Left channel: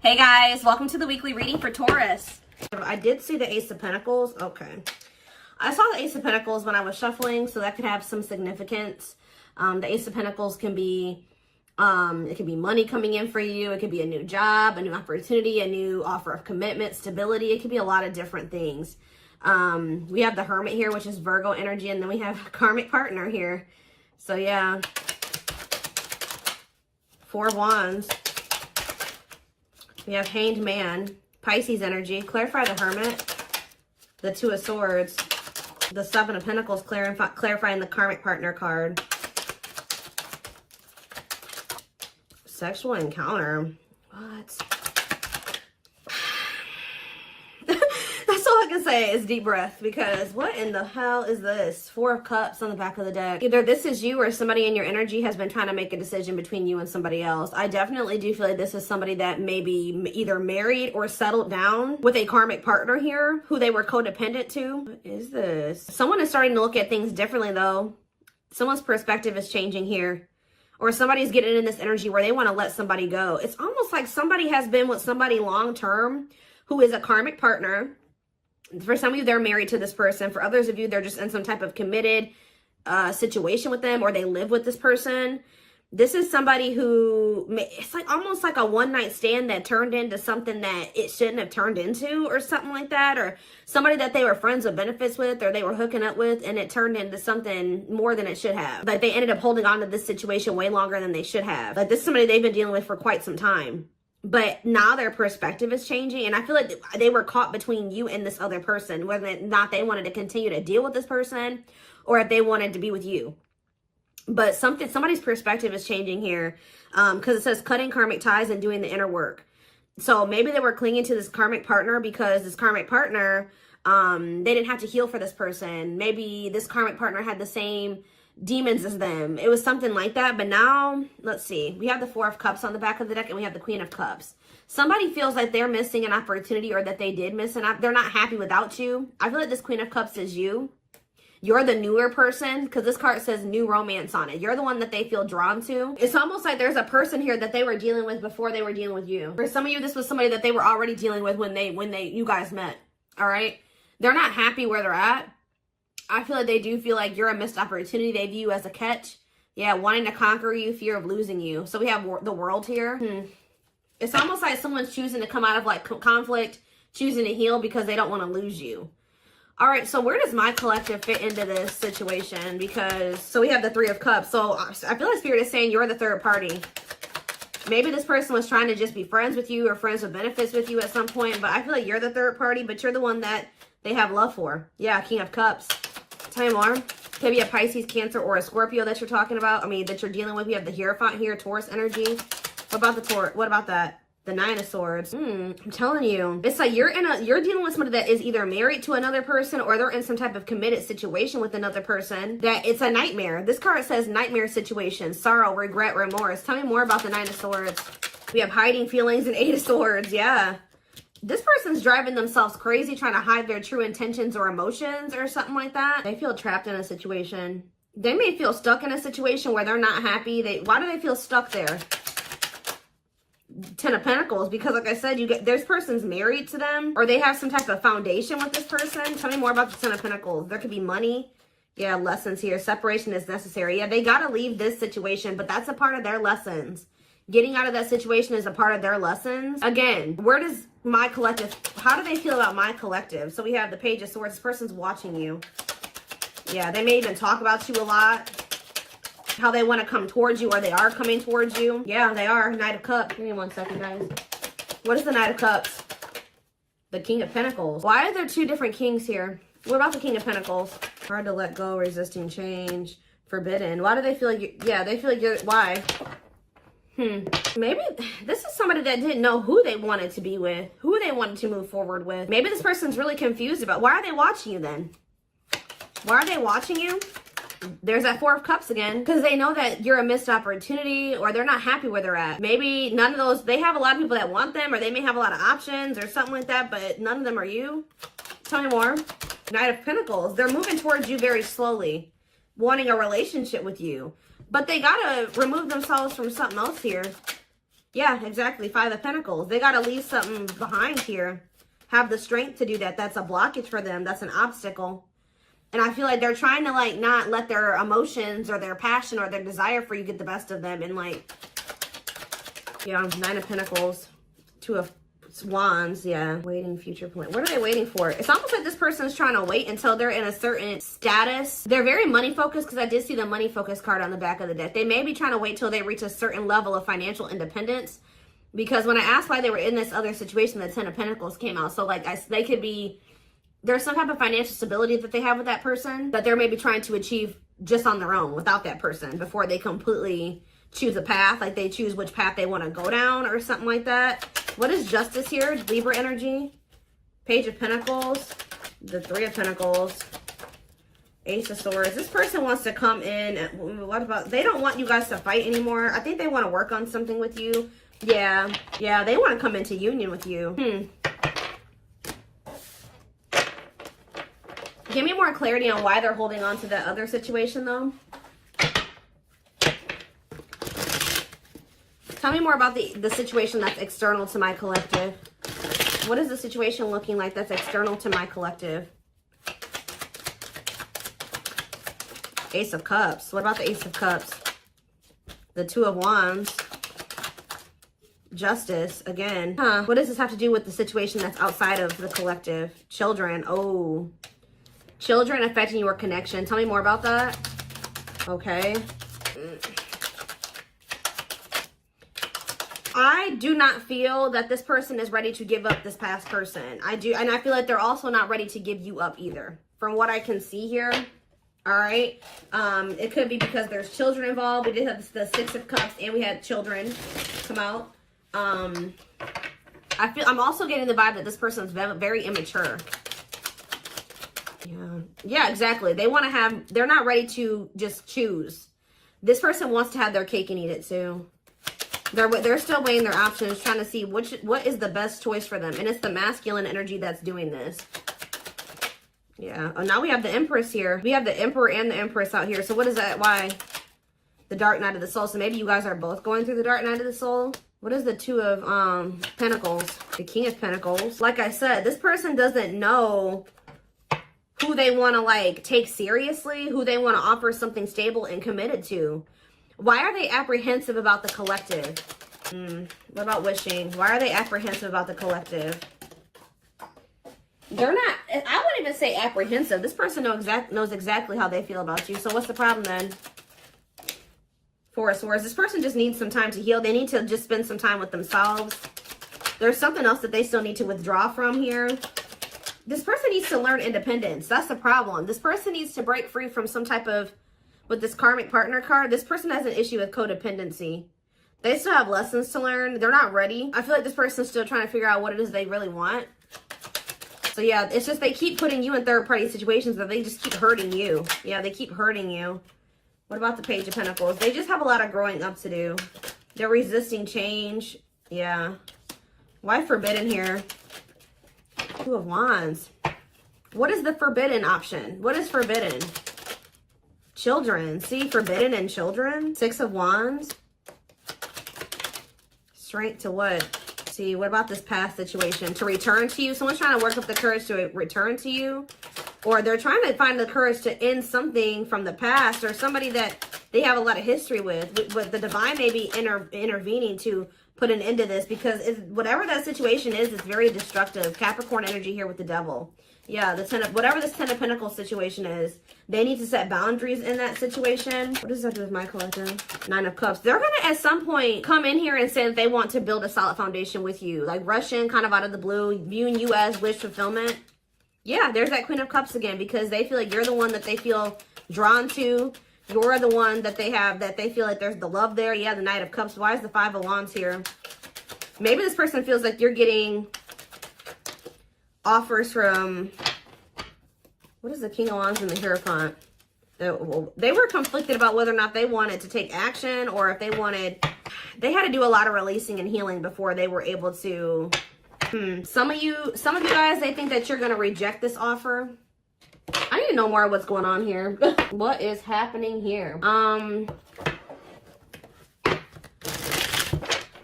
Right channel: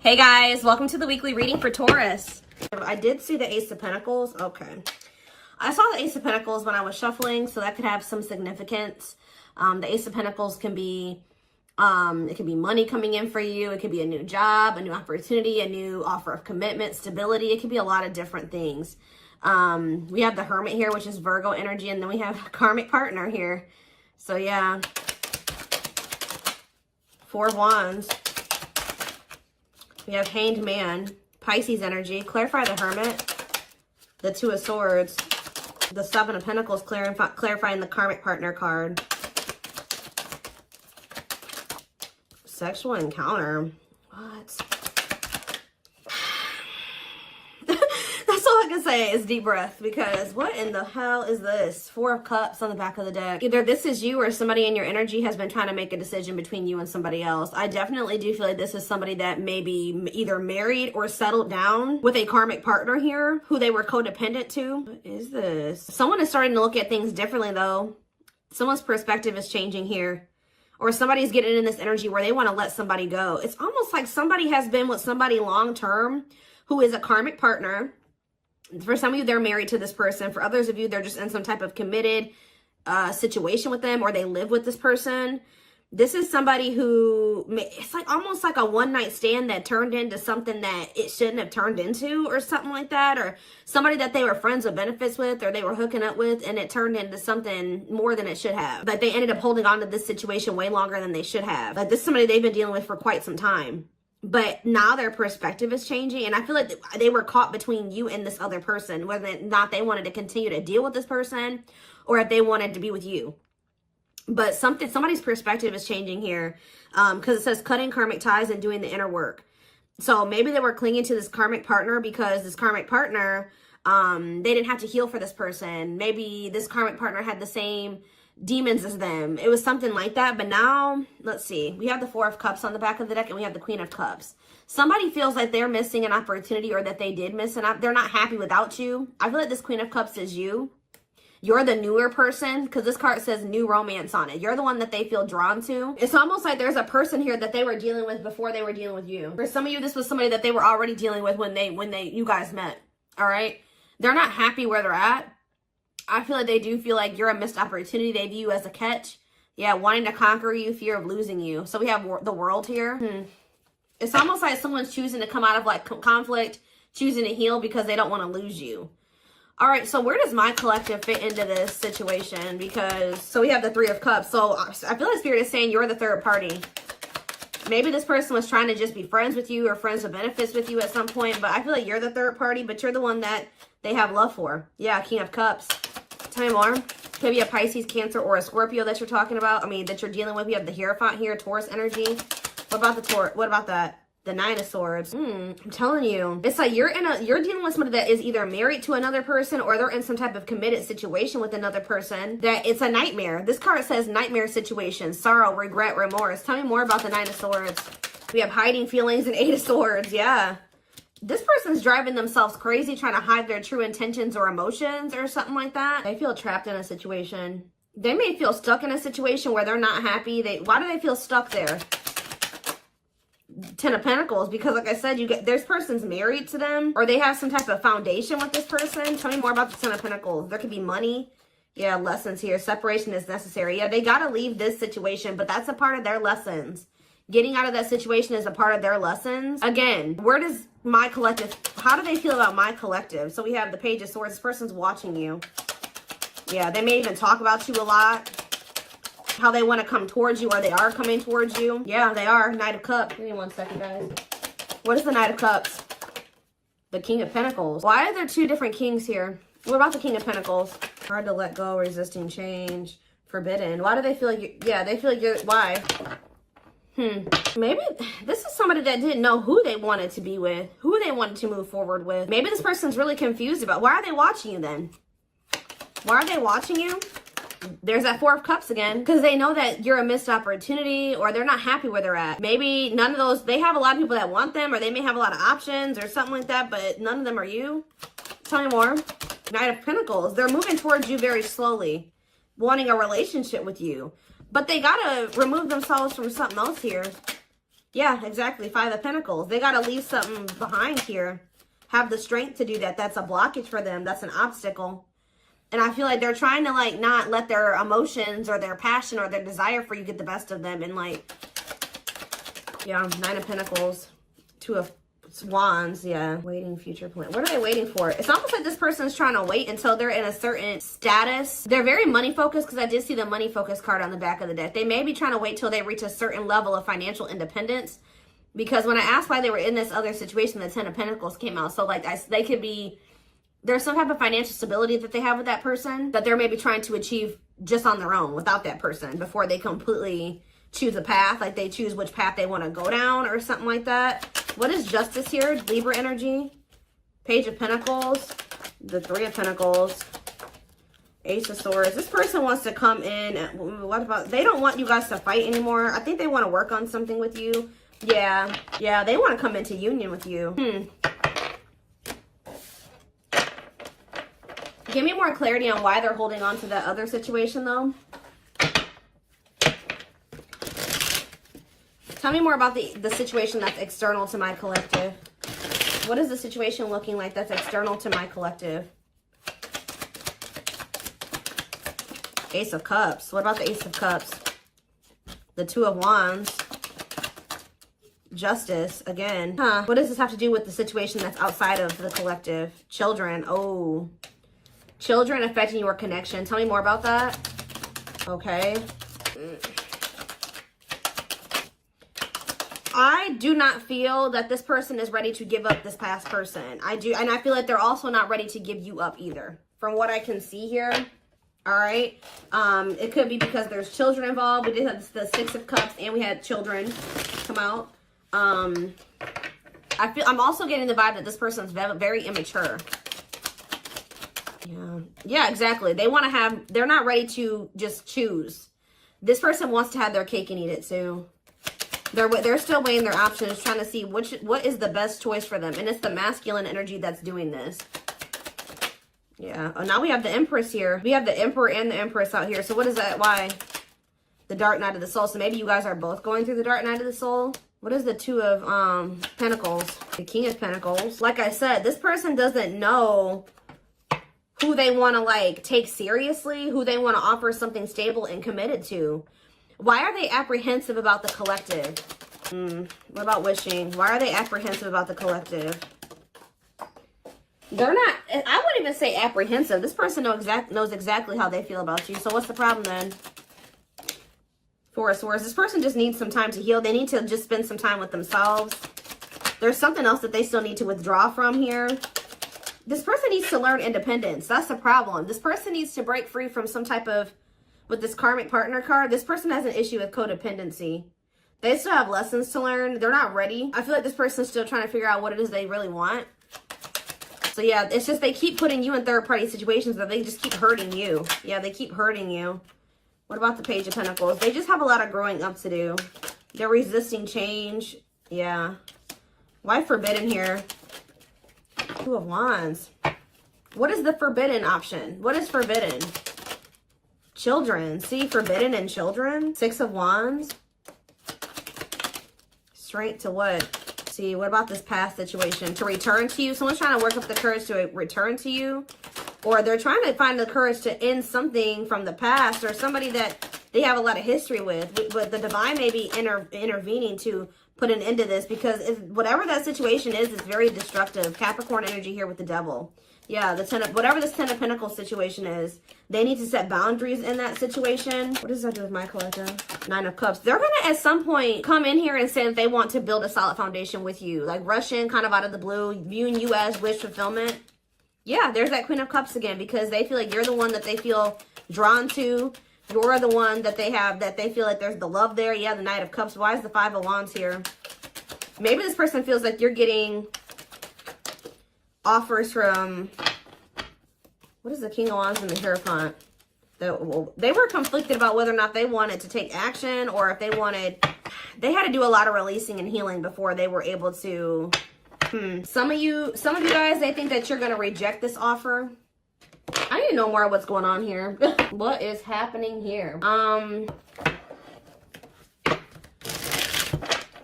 Hey guys, welcome to the weekly reading for Taurus. I did see the Ace of Pentacles. Okay. I saw the Ace of Pentacles when I was shuffling, so that could have some significance. The Ace of Pentacles can be, it can be money coming in for you. It could be a new job, a new opportunity, a new offer of commitment, stability. It could be a lot of different things. We have the Hermit here, which is Virgo energy, and then we have a karmic partner here. So yeah. 4 of Wands. We have Hanged Man, Pisces energy. Clarify the Hermit. The 2 of Swords. The 7 of Pentacles, clarifying the karmic partner card. Sexual encounter. What? That's all I can say is deep breath, because what in the hell is this? 4 of Cups on the back of the deck. Either this is you or somebody in your energy has been trying to make a decision between you and somebody else. I definitely do feel like this is somebody that may be either married or settled down with a karmic partner here who they were codependent to. What is this? Someone is starting to look at things differently though. Someone's perspective is changing here. Or somebody's getting in this energy where they want to let somebody go. It's almost like somebody has been with somebody long term who is a karmic partner. For some of you, they're married to this person. For others of you, they're just in some type of committed situation with them, or they live with this person. This is somebody who, it's like almost like a one-night stand that turned into something that it shouldn't have turned into, or something like that. Or somebody that they were friends with benefits with, or they were hooking up with, and it turned into something more than it should have. Like they ended up holding on to this situation way longer than they should have. Like this is somebody they've been dealing with for quite some time. But now their perspective is changing, and I feel like they were caught between you and this other person, whether or not they wanted to continue to deal with this person or if they wanted to be with you. But somebody's perspective is changing here, because it says cutting karmic ties and doing the inner work. So maybe they were clinging to this karmic partner because this karmic partner, they didn't have to heal for this person. Maybe this karmic partner had the same demons as them. It was something like that. But now, let's see. We have the 4 of Cups on the back of the deck, and we have the Queen of Cups. Somebody feels that they're missing an opportunity, or that they did miss an opportunity. They're not happy without you. I feel like this Queen of Cups is you. You're the newer person, because this card says new romance on it. You're the one that they feel drawn to. It's almost like there's a person here that they were dealing with before they were dealing with you. For some of you, this was somebody that they were already dealing with when you guys met. All right? They're not happy where they're at. I feel like they do feel like you're a missed opportunity. They view you as a catch. Yeah, wanting to conquer you, fear of losing you. So we have the World here. It's almost like someone's choosing to come out of like conflict, choosing to heal because they don't want to lose you. All right, so where does my collective fit into this situation? Because, so we have the 3 of Cups. So I feel like Spirit is saying you're the third party. Maybe this person was trying to just be friends with you or friends with benefits with you at some point, but I feel like you're the third party, but you're the one that they have love for. Yeah, King of Cups. Tell me more. Could be a Pisces, Cancer, or a Scorpio that you're talking about. I mean, that you're dealing with. We have the Hierophant here, Taurus energy. What about the Taurus? What about that? The 9 of Swords. I'm telling you, it's like you're dealing with somebody that is either married to another person, or they're in some type of committed situation with another person. That it's a nightmare. This card says nightmare situation, sorrow, regret, remorse. Tell me more about the 9 of Swords. We have hiding feelings and 8 of Swords. Yeah. This person's driving themselves crazy, trying to hide their true intentions or emotions or something like that. They feel trapped in a situation. They may feel stuck in a situation where they're not happy. Why do they feel stuck there? 10 of Pentacles, because like I said, this person's married to them, or they have some type of foundation with this person. Tell me more about the 10 of Pentacles. There could be money. Yeah, lessons here. Separation is necessary. Yeah, they got to leave this situation, but that's a part of their lessons. Getting out of that situation is a part of their lessons. Again, where does my collective, how do they feel about my collective? So we have the Page of Swords. This person's watching you. Yeah, they may even talk about you a lot. How they want to come towards you, or they are coming towards you. Yeah, they are. Knight of Cups. Give me 1 second, guys. What is the Knight of Cups? The King of Pentacles. Why are there 2 different kings here? What about the King of Pentacles? Hard to let go, resisting change, forbidden. Why do they feel like they feel like you're, why? Maybe this is somebody that didn't know who they wanted to be with, who they wanted to move forward with. Maybe this person's really confused about, why are they watching you then? Why are they watching you? There's that 4 of Cups again, because they know that you're a missed opportunity, or they're not happy where they're at. Maybe none of those, they have a lot of people that want them, or they may have a lot of options or something like that, but none of them are you. Tell me more. Knight of Pentacles. They're moving towards you very slowly, wanting a relationship with you. But they gotta remove themselves from something else here. Yeah, exactly. Five of Pentacles. They got to leave something behind here. Have the strength to do that. That's a blockage for them. That's an obstacle. And I feel like they're trying to, like, not let their emotions or their passion or their desire for you get the best of them. And, like, yeah, Nine of Pentacles, Two of Wands, yeah. Waiting future plan. What are they waiting for? It's almost like this person is trying to wait until they're in a certain status. They're very money focused, because I did see the money focused card on the back of the deck. They may be trying to wait till they reach a certain level of financial independence. Because when I asked why they were in this other situation, the Ten of Pentacles came out. So, like, they could be, there's some type of financial stability that they have with that person that they're maybe trying to achieve just on their own without that person before they completely choose a path. Like, they choose which path they want to go down or something like that. What is Justice here? Libra energy. Page of Pentacles. The Three of Pentacles. Ace of Swords. This person wants to come in. What about, they don't want you guys to fight anymore. I think they want to work on something with you. Yeah. Yeah, they want to come into union with you. Give me more clarity on why they're holding on to that other situation, though. Tell me more about the situation that's external to my collective. What is the situation looking like that's external to my collective? Ace of Cups. What about the Ace of Cups? The Two of Wands. Justice, again. What does this have to do with the situation that's outside of the collective? Children. Oh. Children affecting your connection. Tell me more about that. Okay. I do not feel that this person is ready to give up this past person. I do, and I feel like they're also not ready to give you up either. From what I can see here. All right. It could be because there's children involved. We did have the Six of Cups and we had children come out. I'm also getting the vibe that this person's very immature. Yeah, exactly. They want to have, they're not ready to just choose. This person wants to have their cake and eat it too. They're still weighing their options, trying to see what is the best choice for them. And it's the masculine energy that's doing this. Yeah. Oh, now we have the Empress here. We have the Emperor and the Empress out here. So what is that? Why? The Dark Night of the Soul. So maybe you guys are both going through the Dark Night of the Soul. What is the Two of Pentacles? The King of Pentacles. Like I said, this person doesn't know who they want to, like, take seriously, who they want to offer something stable and committed to. Why are they apprehensive about the collective? What about wishing? Why are they apprehensive about the collective? They're not, I wouldn't even say apprehensive. This person knows exactly how they feel about you. So what's the problem then? Four of Swords. This person just needs some time to heal. They need to just spend some time with themselves. There's something else that they still need to withdraw from here. This person needs to learn independence. That's the problem. This person needs to break free from some type of, with this karmic partner card, this person has an issue with codependency. They still have lessons to learn. They're not ready. I feel like this person's still trying to figure out what it is they really want. So yeah, it's just they keep putting you in third-party situations where they just keep hurting you. Yeah, they keep hurting you. What about the Page of Pentacles? They just have a lot of growing up to do. They're resisting change. Yeah. Why forbidden here? Two of Wands. What is the forbidden option? What is forbidden? Children. See, forbidden and children. Six of Wands. Straight to what? See, what about this past situation? To return to you. Someone's trying to work up the courage to return to you. Or they're trying to find the courage to end something from the past. Or somebody that they have a lot of history with. But the divine may be intervening to put an end to this. Because whatever that situation is, it's very destructive. Capricorn energy here with the Devil. Yeah, whatever this Ten of Pentacles situation is, they need to set boundaries in that situation. What does that do with my collective? Nine of Cups. They're going to, at some point, come in here and say that they want to build a solid foundation with you. Like, rush in kind of out of the blue, viewing you as wish fulfillment. Yeah, there's that Queen of Cups again, because they feel like you're the one that they feel drawn to. You're the one that they have, that they feel like there's the love there. Yeah, the Knight of Cups. Why is the Five of Wands here? Maybe this person feels like you're getting offers from, what is the King of Wands and the Hierophant? They were conflicted about whether or not they wanted to take action, or if they had to do a lot of releasing and healing before they were able to. Some of you guys, they think that you're going to reject this offer. I need to know more of what's going on here. What is happening here?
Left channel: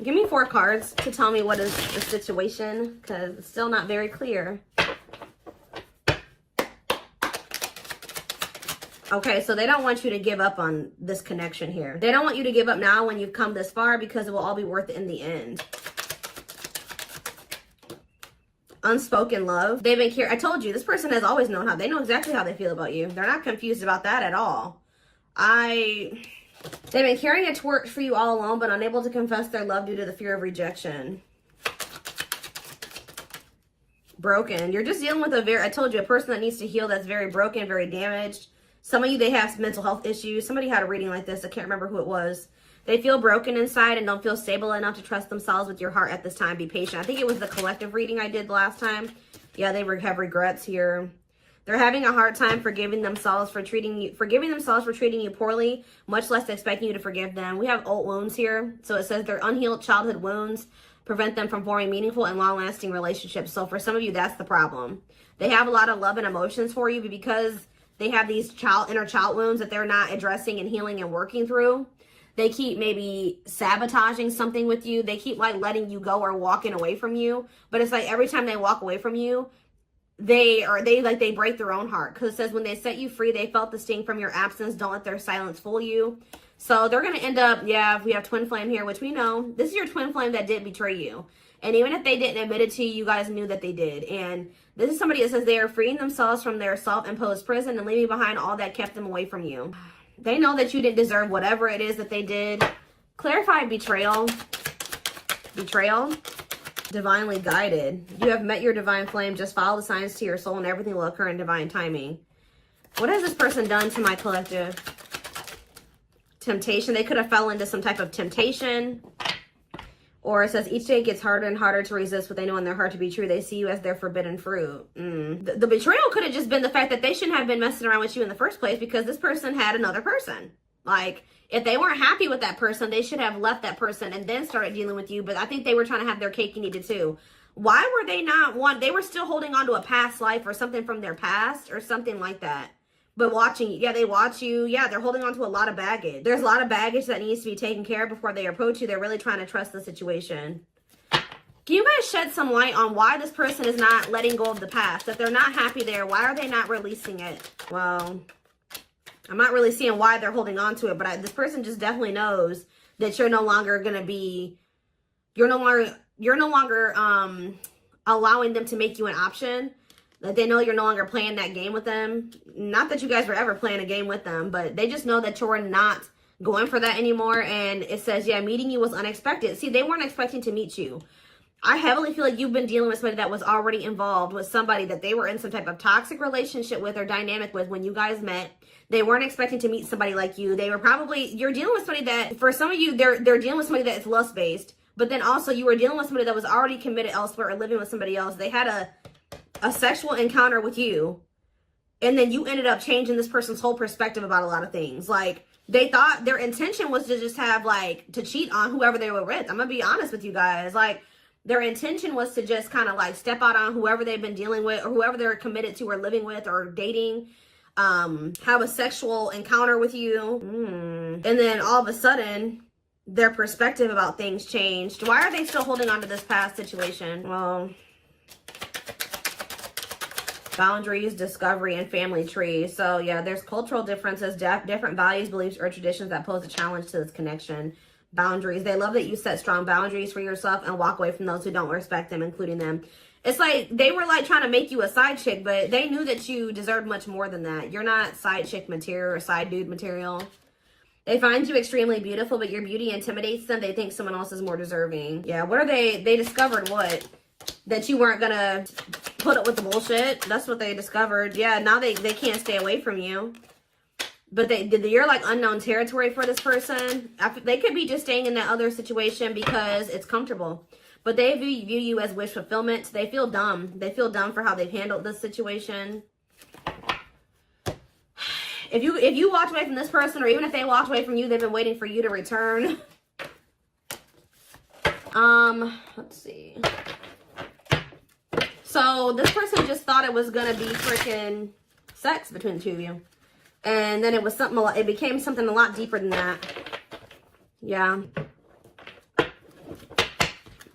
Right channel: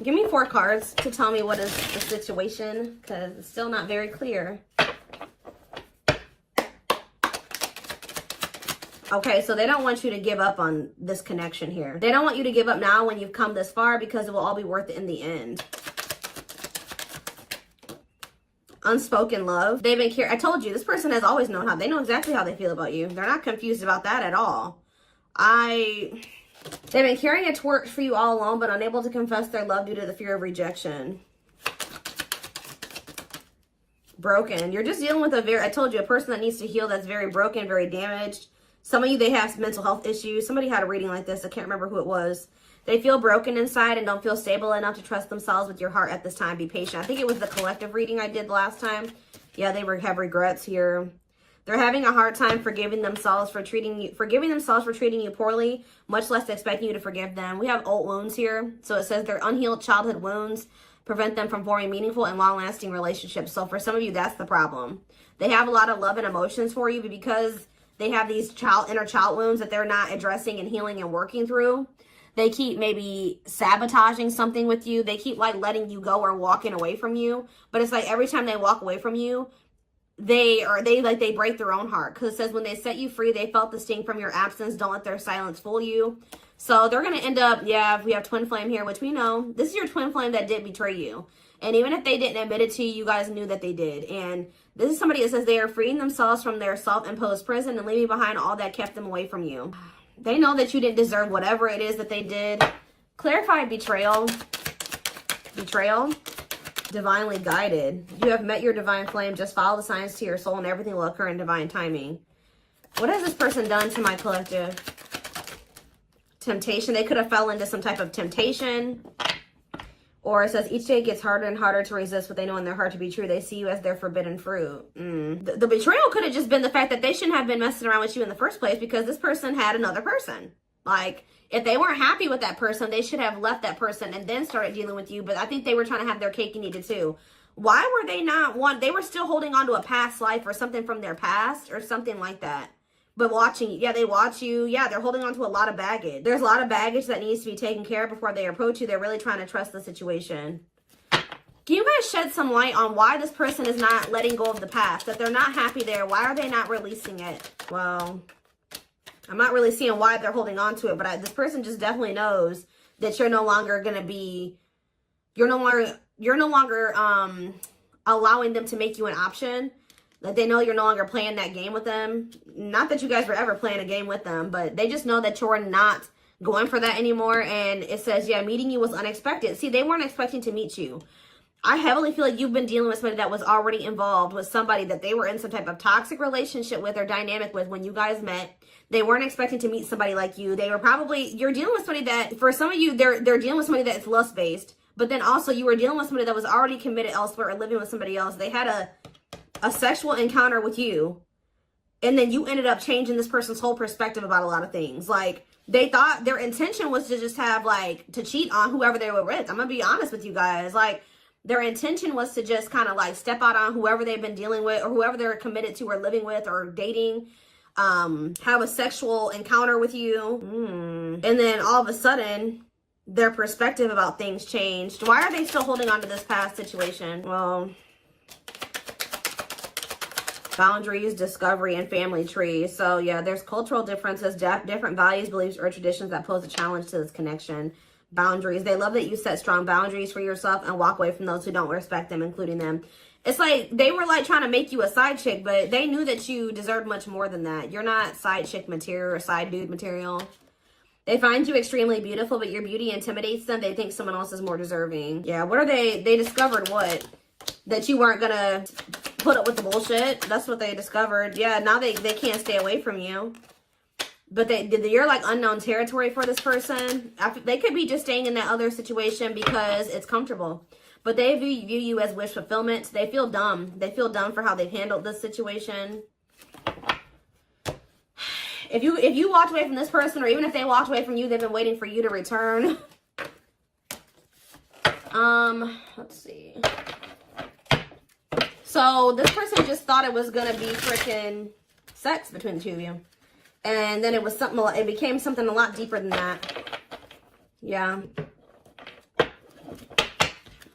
Give me 4 cards to tell me what is the situation, because it's still not very clear. Okay, so they don't want you to give up on this connection here. They don't want you to give up now when you've come this far, because it will all be worth it in the end. Unspoken love. They've been I told you, this person has always known how. They know exactly how they feel about you. They're not confused about that at all. They've been carrying a torch for you all along, but unable to confess their love due to the fear of rejection. Broken. You're just dealing with I told you, a person that needs to heal, that's very broken, very damaged. Some of you, they have mental health issues. Somebody had a reading like this. I can't remember who it was. They feel broken inside and don't feel stable enough to trust themselves with your heart at this time. Be patient. I think it was the collective reading I did last time. Yeah, they have regrets here. They're having a hard time forgiving themselves for treating you poorly, much less expecting you to forgive them. We have old wounds here. So it says their unhealed childhood wounds prevent them from forming meaningful and long-lasting relationships. So for some of you, that's the problem. They have a lot of love and emotions for you, but because they have these inner child wounds that they're not addressing and healing and working through, they keep maybe sabotaging something with you. They keep like letting you go or walking away from you. But it's like every time they walk away from you, they break their own heart. Because it says when they set you free, they felt the sting from your absence. Don't let their silence fool you. So they're going to end up, yeah, we have twin flame here, which we know. This is your twin flame that did betray you. And even if they didn't admit it to you, you guys knew that they did. And this is somebody that says they are freeing themselves from their self-imposed prison and leaving behind all that kept them away from you. They know that you didn't deserve whatever it is that they did. Clarify betrayal. Betrayal. Divinely guided. You have met your divine flame. Just follow the signs to your soul and everything will occur in divine timing. What has this person done to my collective? Temptation. They could have fell into some type of temptation. Or it says, each day gets harder and harder to resist what they know in their heart to be true. They see you as their forbidden fruit. The betrayal could have just been the fact that they shouldn't have been messing around with you in the first place because this person had another person. Like, if they weren't happy with that person, they should have left that person and then started dealing with you. But I think they were trying to have their cake and eat it too. Why were they not they were still holding on to a past life or something from their past or something like that. But watching, yeah, they watch you. Yeah, they're holding on to a lot of baggage. There's a lot of baggage that needs to be taken care of before they approach you. They're really trying to trust the situation. Can you guys shed some light on why this person is not letting go of the past? That they're not happy there. Why are they not releasing it? Well, I'm not really seeing why they're holding on to it. But this person just definitely knows that you're no longer going to be... You're no longer allowing them to make you an option. Like, they know you're no longer playing that game with them. Not that you guys were ever playing a game with them, but they just know that you're not going for that anymore. And it says, yeah, meeting you was unexpected. See, they weren't expecting to meet you. I heavily feel like you've been dealing with somebody that was already involved with somebody that they were in some type of toxic relationship with or dynamic with when you guys met. They weren't expecting to meet somebody like you. They were probably, you're dealing with somebody that, for some of you, they're dealing with somebody that's lust-based. But then also you were dealing with somebody that was already committed elsewhere or living with somebody else. They had a sexual encounter with you, and then you ended up changing this person's whole perspective about a lot of things. Like, they thought their intention was to just have, like, to cheat on whoever they were with. I'm gonna be honest with you guys. Like, their intention was to just kind of, like, step out on whoever they've been dealing with or whoever they're committed to or living with or dating, have a sexual encounter with you. And then all of a sudden, their perspective about things changed. Why are they still holding on to this past situation? Well... boundaries, discovery, and family trees. So yeah, there's cultural differences, different values, beliefs, or traditions that pose a challenge to this connection. Boundaries. They love that you set strong boundaries for yourself and walk away from those who don't respect them, including them. It's like they were like trying to make you a side chick, but they knew that you deserved much more than that. You're not side chick material or side dude material. They find you extremely beautiful, but your beauty intimidates them. They think someone else is more deserving. Yeah, what are they? They discovered what? That you weren't gonna put up with the bullshit. That's what they discovered. Yeah, now they can't stay away from you. But you're like unknown territory for this person. They could be just staying in that other situation because it's comfortable. But they view you as wish fulfillment. They feel dumb. They feel dumb for how they've handled this situation. If you walked away from this person, or even if they walked away from you, they've been waiting for you to return. Let's see. So this person just thought it was gonna be freaking sex between the two of you, and then it was something. It became something a lot deeper than that. Yeah.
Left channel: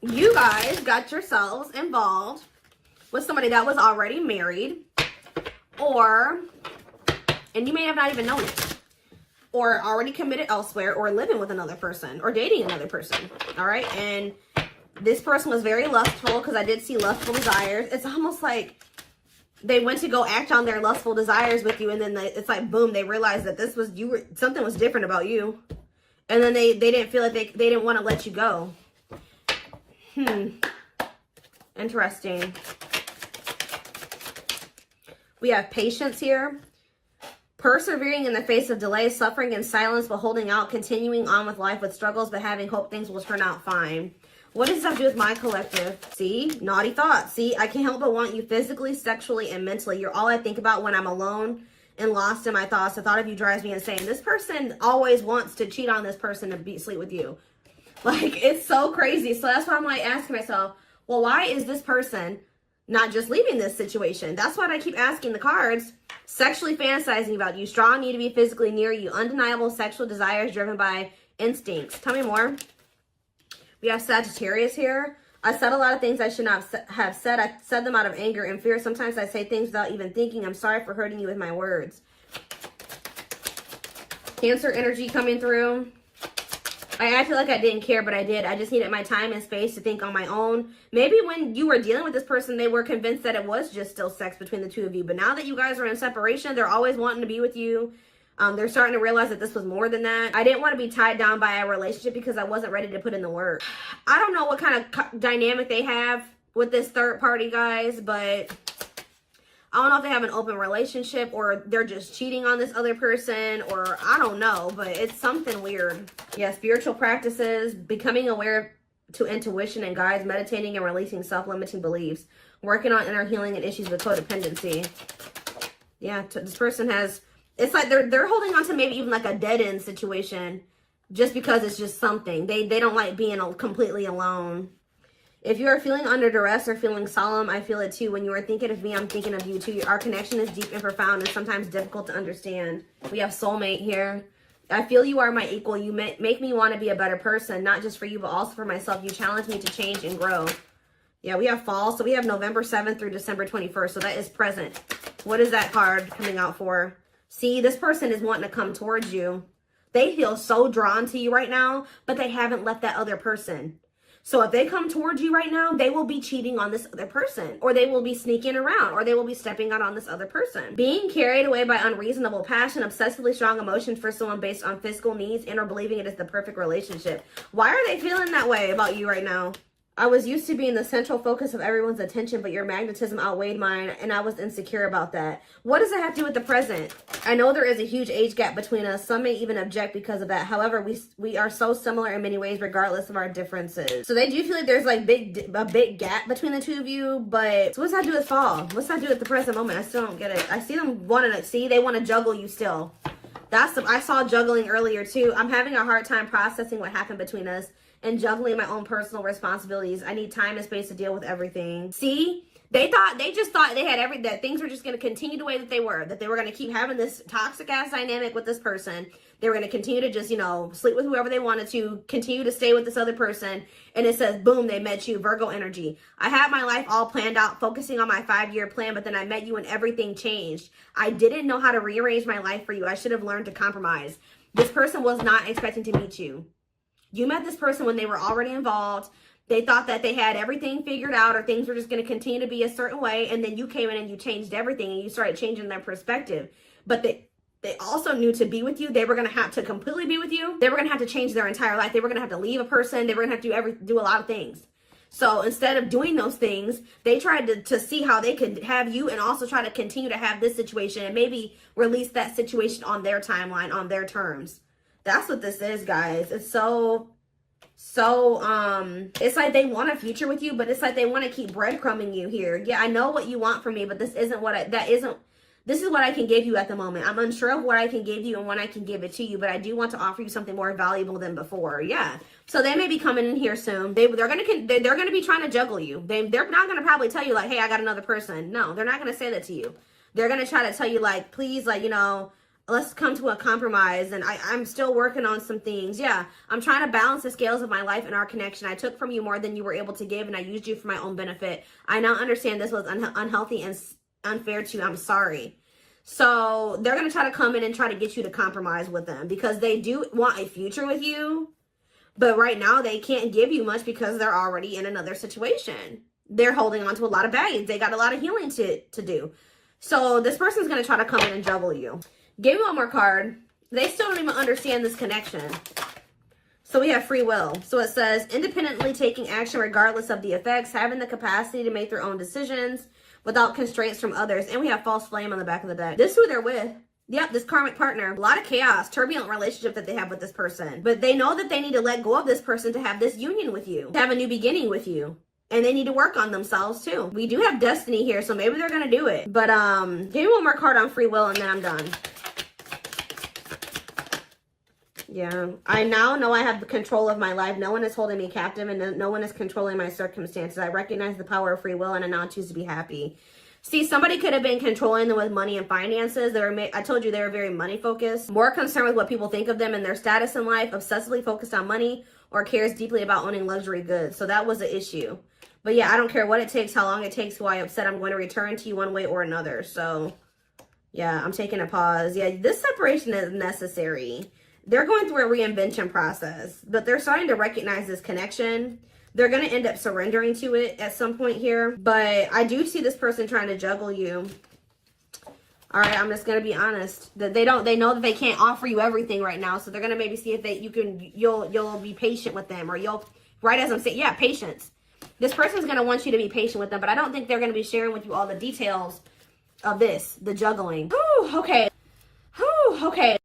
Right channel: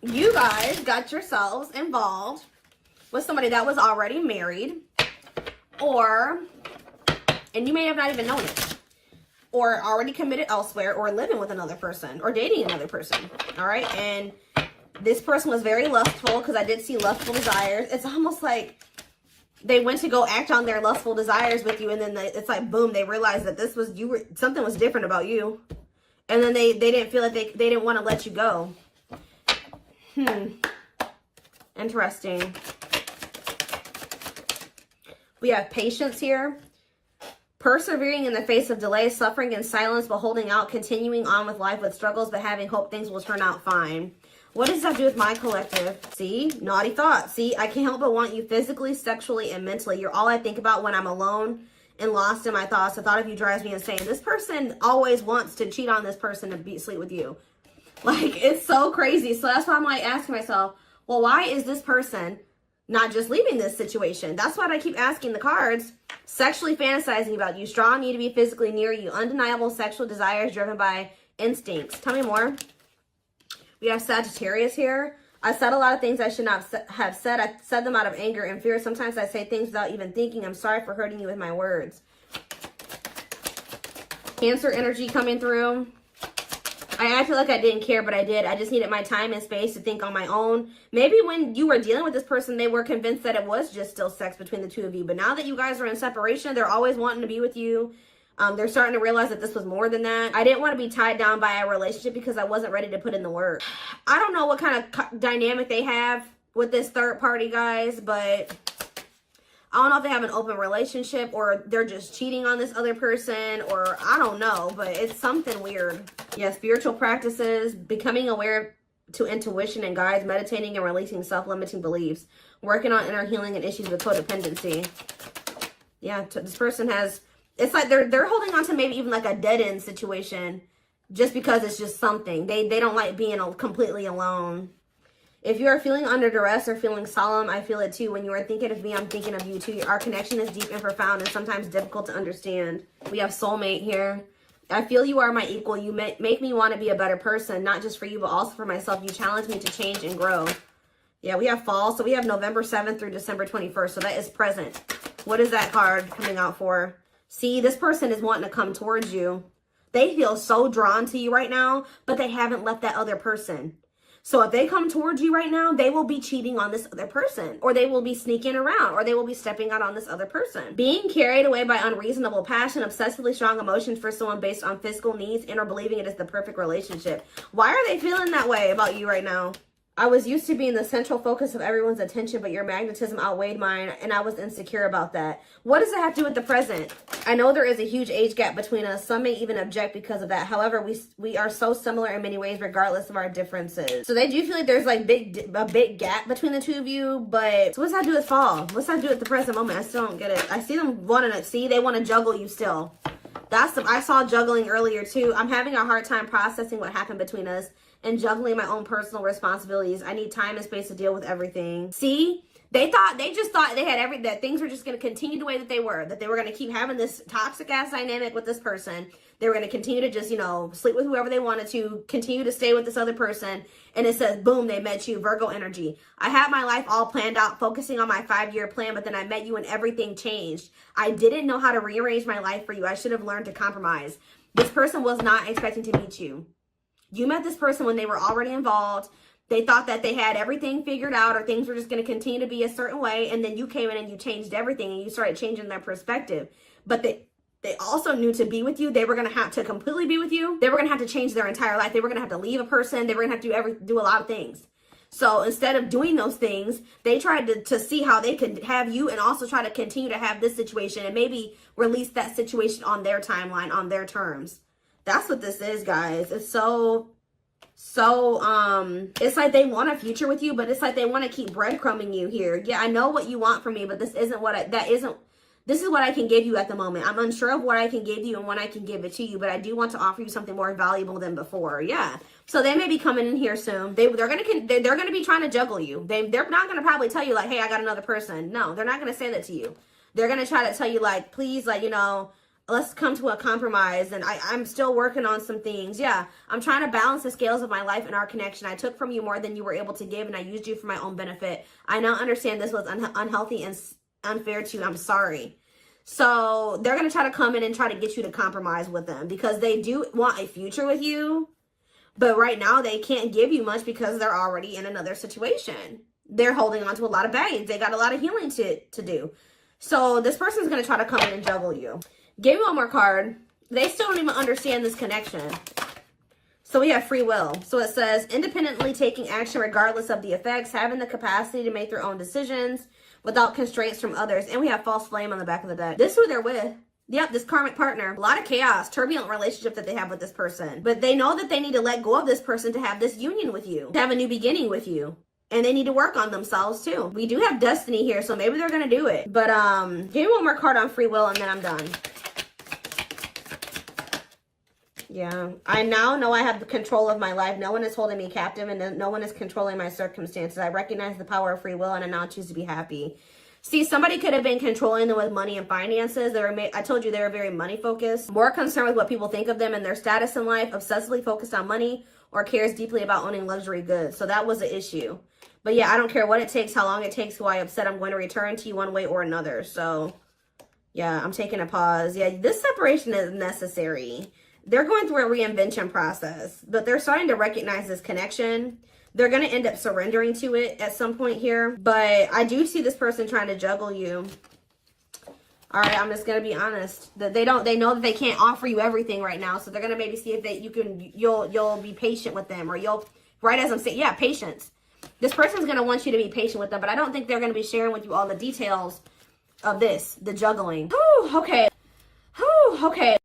you guys got yourselves involved with somebody that was already married, and you may have not even known it, or already committed elsewhere, or living with another person, or dating another person, all right? And this person was very lustful, because I did see lustful desires. It's almost like they went to go act on their lustful desires with you, and then it's like, boom, they realized that something was different about you. And then they didn't feel like they didn't want to let you go. Interesting. We have patience here. Persevering in the face of delay, suffering in silence, but holding out, continuing on with life with struggles, but having hope things will turn out fine. What does that have to do with my collective? See? Naughty thoughts. See? I can't help but want you physically, sexually, and mentally. You're all I think about when I'm alone and lost in my thoughts. The thought of you drives me insane. This person always wants to cheat on this person and sleep with you. Like, it's so crazy. So that's why I'm like asking myself, well, why is this person not just leaving this situation? That's what I keep asking the cards. Sexually fantasizing about you. Strong need to be physically near you. Undeniable sexual desires driven by instincts. Tell me more. We have Sagittarius here. I said a lot of things I should not have said. I said them out of anger and fear. Sometimes I say things without even thinking. I'm sorry for hurting you with my words. Cancer energy coming through. I feel like I didn't care, but I did. I just needed my time and space to think on my own. Maybe when you were dealing with this person, they were convinced that it was just still sex between the two of you. But now that you guys are in separation, they're always wanting to be with you. They're starting to realize that this was more than that. I didn't want to be tied down by a relationship because I wasn't ready to put in the work. I don't know what kind of dynamic they have with this third party, guys, but I don't know if they have an open relationship or they're just cheating on this other person, or I don't know, but it's something weird. Yeah, spiritual practices, becoming aware to intuition and guides, meditating and releasing self-limiting beliefs, working on inner healing and issues with codependency. Yeah, this person has, it's like they're holding on to maybe even like a dead-end situation just because it's just something. They don't like being completely alone. If you're feeling under duress or feeling solemn, I feel it too. When you are thinking of me, I'm thinking of you too. Our connection is deep and profound and sometimes difficult to understand. We have soulmate here. I feel you are my equal. You make me want to be a better person, not just for you, but also for myself. You challenge me to change and grow. Yeah, we have fall. So we have November 7th through December 21st. So that is present. What is that card coming out for? See, this person is wanting to come towards you. They feel so drawn to you right now, but they haven't left that other person. So if they come towards you right now, they will be cheating on this other person, or they will be sneaking around, or they will be stepping out on this other person. Being carried away by unreasonable passion, obsessively strong emotions for someone based on physical needs, and or believing it is the perfect relationship. Why are they feeling that way about you right now? I was used to being the central focus of everyone's attention, but your magnetism outweighed mine, and I was insecure about that. What does that have to do with the present? I know there is a huge age gap between us. Some may even object because of that. However, we are so similar in many ways, regardless of our differences. So they do feel like there's like a big gap between the two of you, but so what's that do with fall? What's that do with the present moment? I still don't get it. I see them wanting to see. They want to juggle you still. I saw juggling earlier too. I'm having a hard time processing what happened between us and juggling my own personal responsibilities. I need time and space to deal with everything. See, they just thought they had that things were just going to continue the way that they were going to keep having this toxic ass dynamic with this person. They were going to continue to just, sleep with whoever they wanted to, continue to stay with this other person. And it says, boom, they met you, Virgo energy. I had my life all planned out, focusing on my 5-year plan, but then I met you and everything changed. I didn't know how to rearrange my life for you. I should have learned to compromise. This person was not expecting to meet you. You met this person when they were already involved. They thought that they had everything figured out, or things were just going to continue to be a certain way. And then you came in and you changed everything, and you started changing their perspective. But they also knew to be with you, they were going to have to completely be with you. They were going to have to change their entire life. They were going to have to leave a person. They were going to have to do a lot of things. So instead of doing those things, they tried to see how they could have you and also try to continue to have this situation and maybe release that situation on their timeline, on their terms. That's what this is, guys. It's so it's like they want a future with you, but it's like they want to keep breadcrumbing you here. Yeah, I know what you want from me, but this isn't this is what I can give you at the moment. I'm unsure of what I can give you and when I can give it to you, but I do want to offer you something more valuable than before. Yeah. So they may be coming in here soon. They're gonna be trying to juggle you. They're not gonna probably tell you like, hey, I got another person. No, they're not gonna say that to you. They're gonna try to tell you like, please, like, let's come to a compromise. And I'm still working on some things. Yeah, I'm trying to balance the scales of my life and our connection. I took from you more than you were able to give, and I used you for my own benefit. I now understand this was unhealthy and unfair to you. I'm sorry. So they're going to try to come in and try to get you to compromise with them because they do want a future with you. But right now they can't give you much because they're already in another situation. They're holding on to a lot of baggage. They got a lot of healing to do. So this person's going to try to come in and juggle you. Give me one more card. They still don't even understand this connection. So we have free will. So it says independently taking action regardless of the effects, having the capacity to make their own decisions without constraints from others. And we have false flame on the back of the deck. This is who they're with. Yep, this karmic partner. A lot of chaos, turbulent relationship that they have with this person. But they know that they need to let go of this person to have this union with you, to have a new beginning with you. And they need to work on themselves too. We do have destiny here, so maybe they're going to do it. But give me one more card on free will and then I'm done. Yeah, I now know I have the control of my life. No one is holding me captive and no one is controlling my circumstances. I recognize the power of free will and I now choose to be happy. See, somebody could have been controlling them with money and finances. I told you they were very money focused, more concerned with what people think of them and their status in life, obsessively focused on money, or cares deeply about owning luxury goods. So that was the issue. But yeah, I don't care what it takes, how long it takes, who I upset. I'm going to return to you one way or another. So yeah, I'm taking a pause. Yeah, this separation is necessary. They're going through a reinvention process, but they're starting to recognize this connection. They're going to end up surrendering to it at some point here. But I do see this person trying to juggle you. All right, I'm just going to be honest. That they know that they can't offer you everything right now. So they're going to maybe see if you'll be patient with them, or right as I'm saying, yeah, patience. This person's going to want you to be patient with them, but I don't think they're going to be sharing with you all the details of this, the juggling. Whew, okay. Whew, okay.